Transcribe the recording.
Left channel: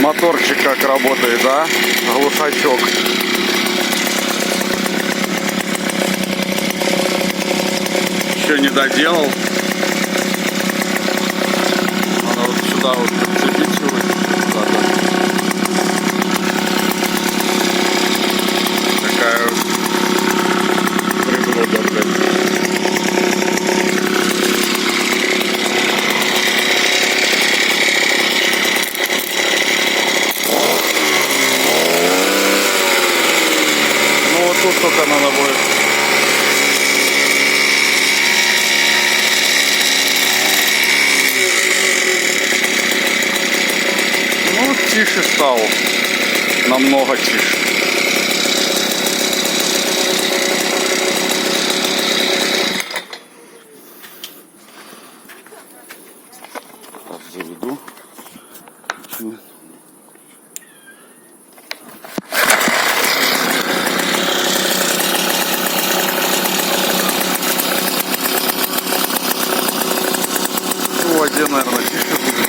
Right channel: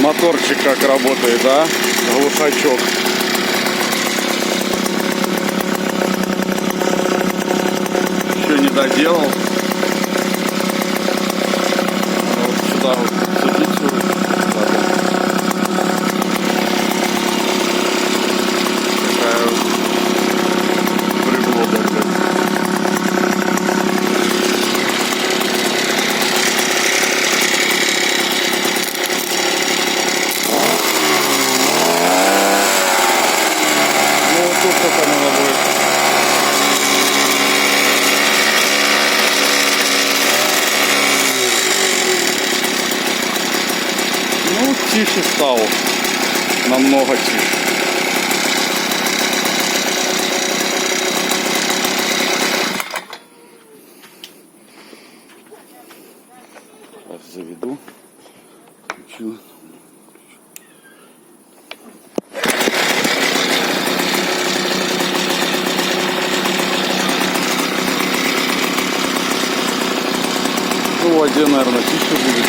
Моторчик как работает, да? Глушачок. Еще не доделал. Надо вот сюда вот подцепить куда-то. Такая приблуда, блядь. Ну вот тут только надо будет. Ну, тише стал. Намного тише. Сейчас заведу. Включу. Ну, в воде, наверное, тише будет.